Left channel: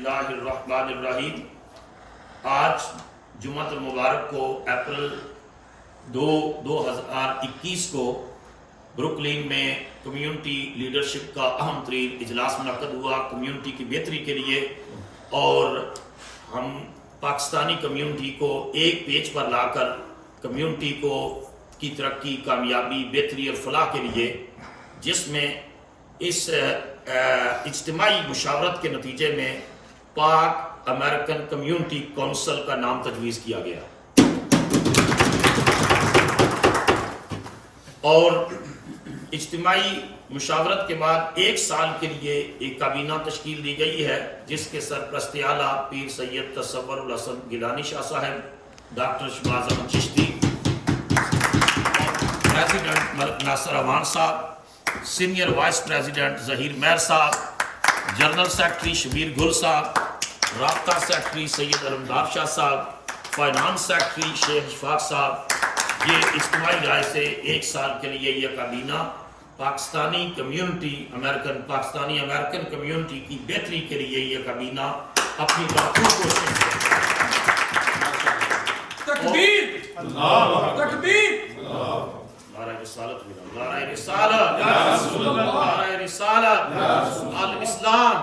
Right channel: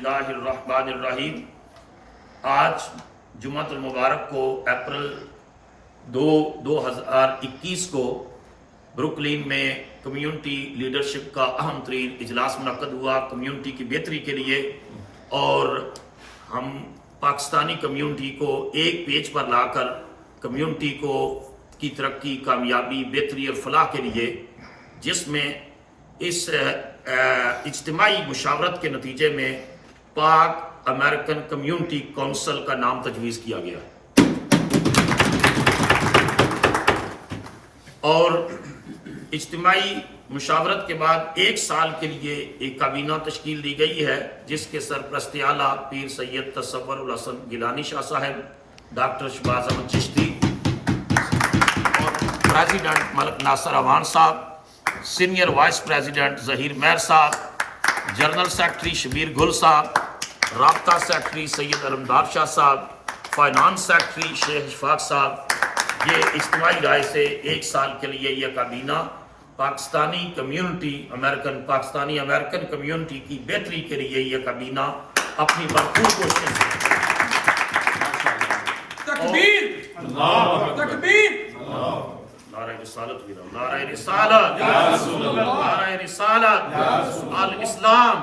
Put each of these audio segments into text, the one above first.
बिस्मिल्लाहिर्रहमानिर्रहीम। आज जुम्मतुल मुबारक को अप्रैल 2021 को ब्रुकलिन में कम्युनिटी लीडरशिप का अहम तरीन इजलास मुनक्कद हुआ कम्युनिटी की बेहतरी के लिए, और हम पाकिस्तानी कम्युनिटी को एक पेज पर लाकर कम्युनिटी को की तरक्की, कामयाबी, बेहतरी और फलाह के लिए, जिसमें इस इज्तिमाई मुशावरत के नतीजे में पाक अमेरिकन कम्युनिटी काउंसिल का नाम तजवीज़ किया गया और इज्तिमाई मुशावरत के बाद एक साल के लिए एक काबीना तश्कील दी गई है, जिसके सरपरस्ती आला पीर सैयद तसव्वुरुल हसन गिलानी शाह साहब, डॉक्टर शहबाज अहमद चिश्ती, प्रेसिडेंट मलिक नासिर अवान साहब, सीनियर वाइस प्रेसिडेंट जहीर मेहर साहब, जनरल सेक्रेटरी शबीर गुल साहब, राब्ता सेक्रेटरी सैयद अलमदार शाह साहब, फाइनेंस सेक्रेटरी शेख इशफाक साहब। ये इज्तिमाई राय से एक साल के लिए यह काबीना पाकिस्तानी अमेरिकन कम्युनिटी की बेहतरी के लिए यह काबीना अपनी भरपूर कोशिश तकबीर तकबीर नारे रिसालत नारे रिसालत नारे रिसालत अल इस्लाम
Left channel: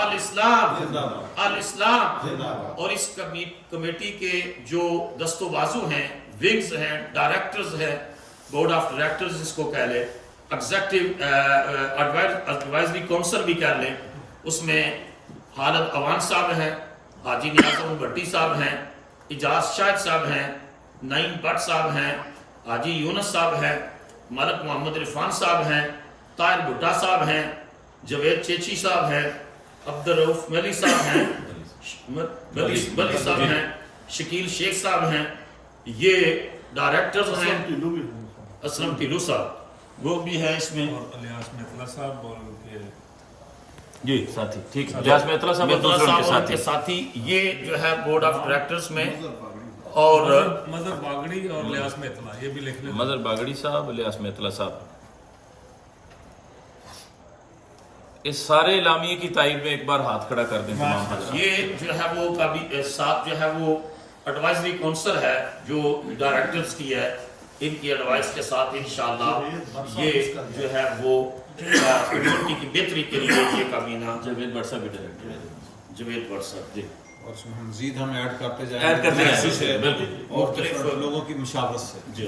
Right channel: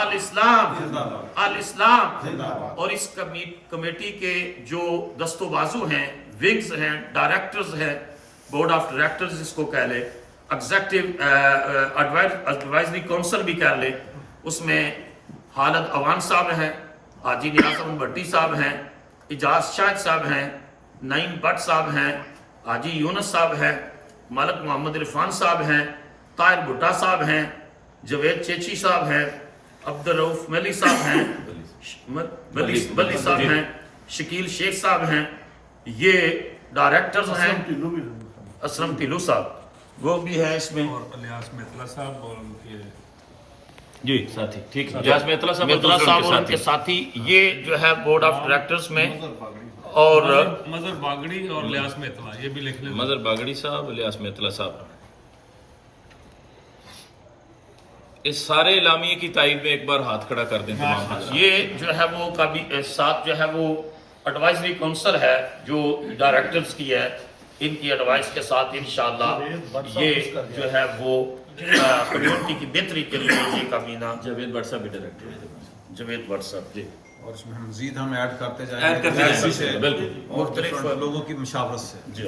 अल इस्लाम अल इस्लाम। और इस कमेटी के जो दस्तोबाजू हैं, विंग्स हैं, डायरेक्टर्स हैं, बोर्ड ऑफ डायरेक्टर्स जिसको कह ले, एग्जीक्यूटिव एडवाइजरी काउंसिल भी कह ले, उसमें हालत अवान साहब हैं, हाजी नियाज़ भट्टी साहब हैं, इजाज शाहिद साहब हैं, नईम भट्ट साहब हैं, हाजी यूनुस साहब हैं, मलिक मोहम्मद इरफान साहब हैं, ताहिर भुट्टा साहब हैं, जवेद चेची साहब हैं, अब्दुल रऊफ मली साहब हैं, बली साहब हैं, शकील शेख साहब हैं। ये डायरेक्टर्स हैं। असलम टिल्लू साहब वो भी है इसमें, और इलियास मेतला साहब और उनके जी साथी, ठीक है। इलियास मेतला साहब और उनके साथी, ये जो है बोर्ड ऑफ डायरेक्टर्स में। और मजहर बागड़ी और इलियास मेतला, ये भी लिख लें। मजहर बागड़ी साहब, इलियास मेतला साहब, इस सारे इलामिये की तारीफ में एक बार हाथ खड़ा कर दें तमाम हाज़रीन। ये जो है वो कभी साथ जो है वो एडवाइजरी काउंसिल है जो डायरेक्टर्स की है, इनकी एडवाइस के साथ इंशाअल्लाह ये जो है वो कम्युनिटी की बेहतरी के लिए ये काबीना। जवेद भट्ट साहब भी डायरेक्टर है। जवेद भट्ट साहब जी, और उसमें मजीद हम ऐड करते ऐड जाएंगे करते जाएंगे, बिल्कुल मुख्तलिफ लोगों की मुशावरत से। जी।